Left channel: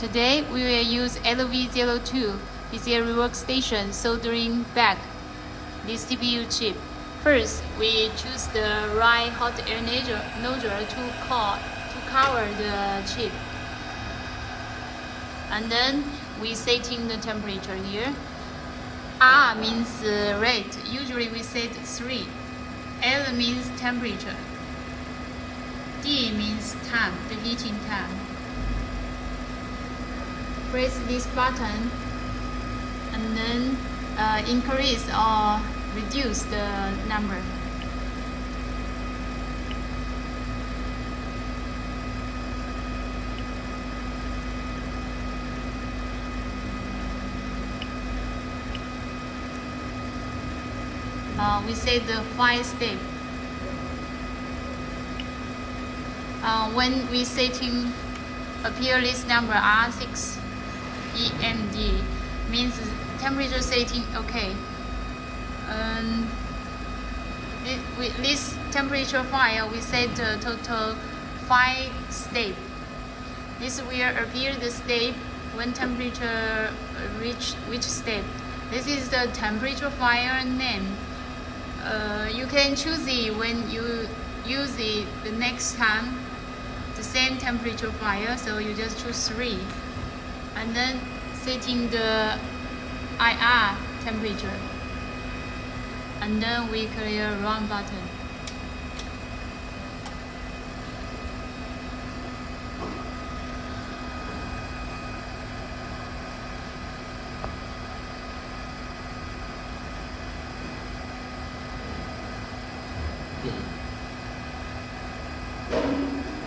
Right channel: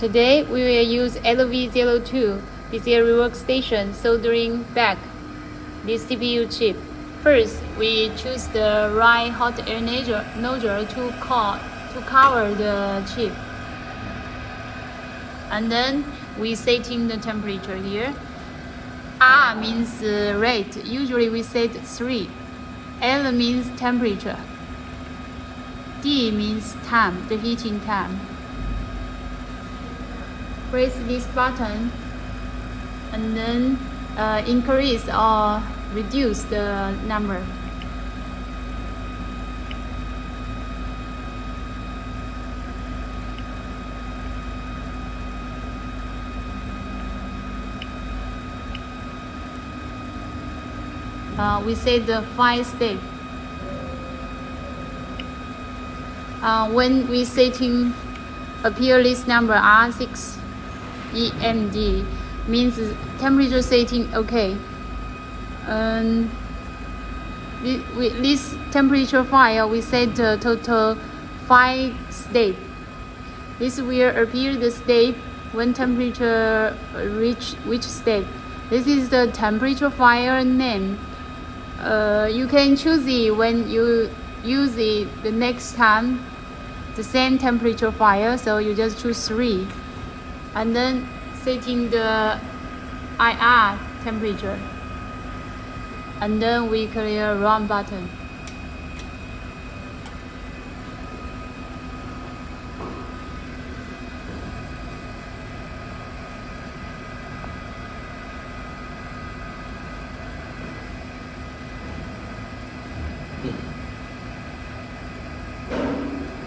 Today we will use LV-02. It's a rework station soldering back this CPU chip. First, we choose the right hot air nozzle to cover the chip. And then we setting the temperature here. R means rate. Usually we set 3. L means temperature. D means time, the heating time. Press this button and then increase or reduce the number. We set the 5 step. When we setting appear this number R6 EMD means temperature setting okay. This temperature file we set total 5 steps. This will appear the step when temperature reach which step. This is the temperature file name. You can choose it when you use it the next time, the same temperature file, so you just choose 3 and then setting the IR temperature and then we clear run button.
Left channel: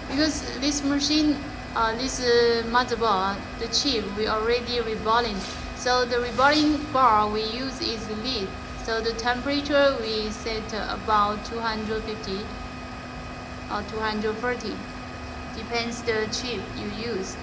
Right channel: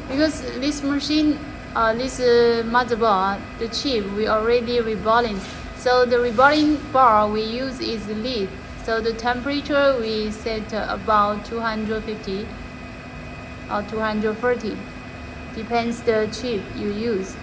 Because this machine, this motherboard, the chip, we already reballing. So the reballing bar we use is lead. So the temperature we set about 250 or 230. Depends the chip you use.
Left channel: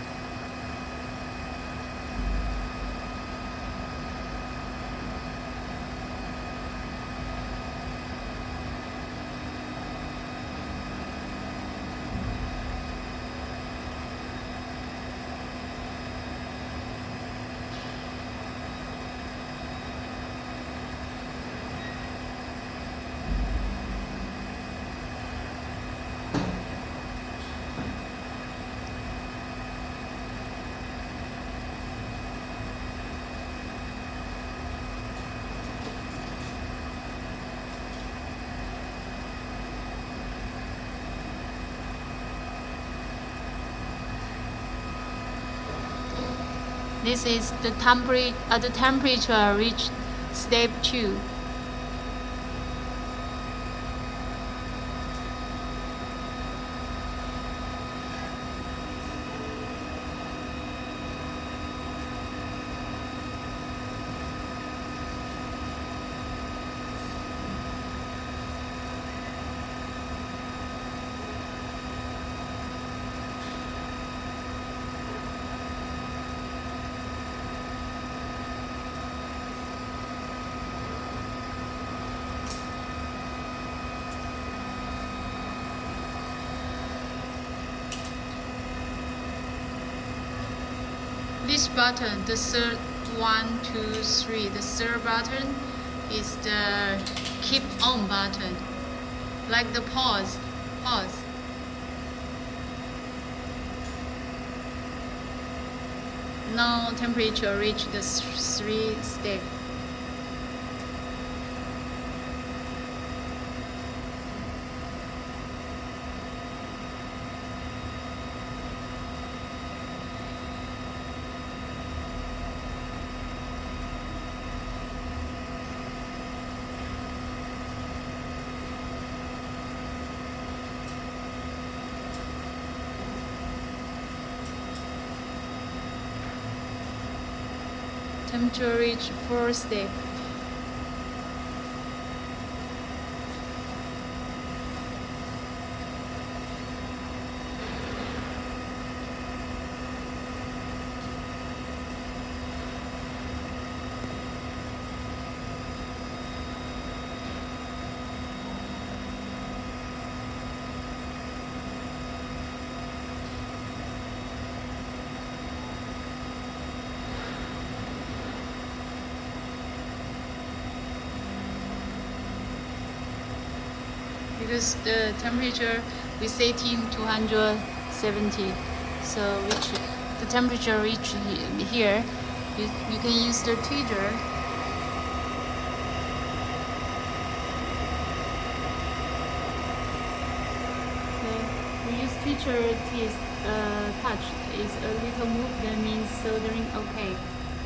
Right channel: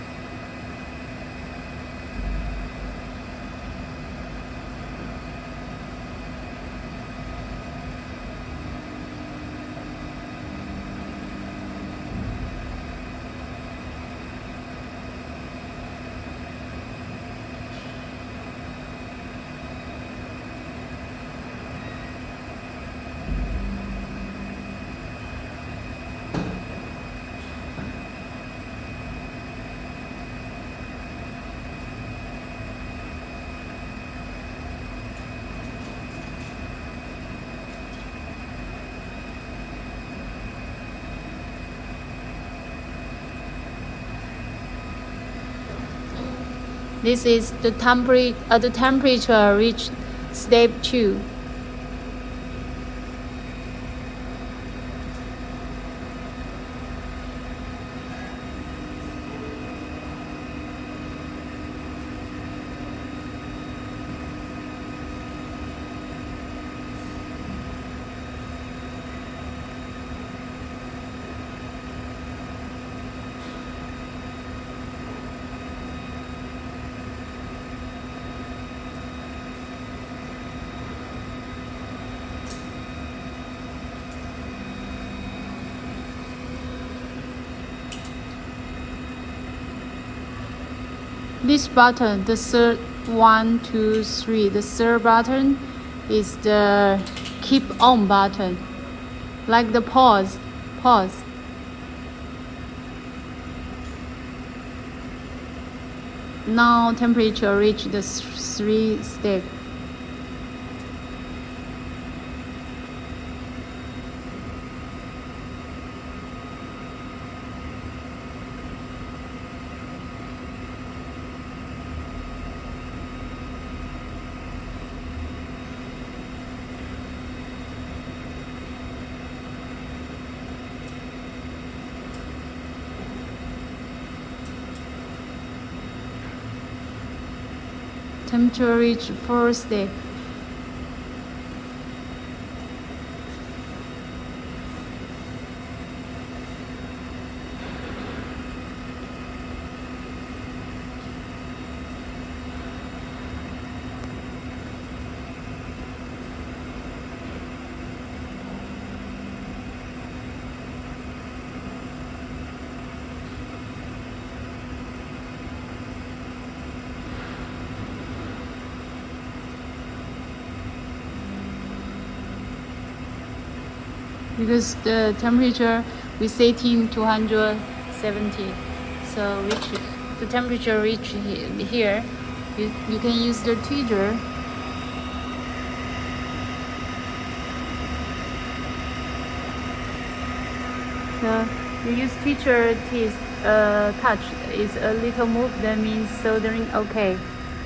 This is the temperature reached step 2. This button, the third 1, 2, 3, the third button is the keep on button, like the pause. Now temperature reach the 3 step. Temperature reach 4 step. because the temperature we set in 270. So the temperature reach here, you can use the tweezer. We use tweezer touch is a little move, that means soldering okay.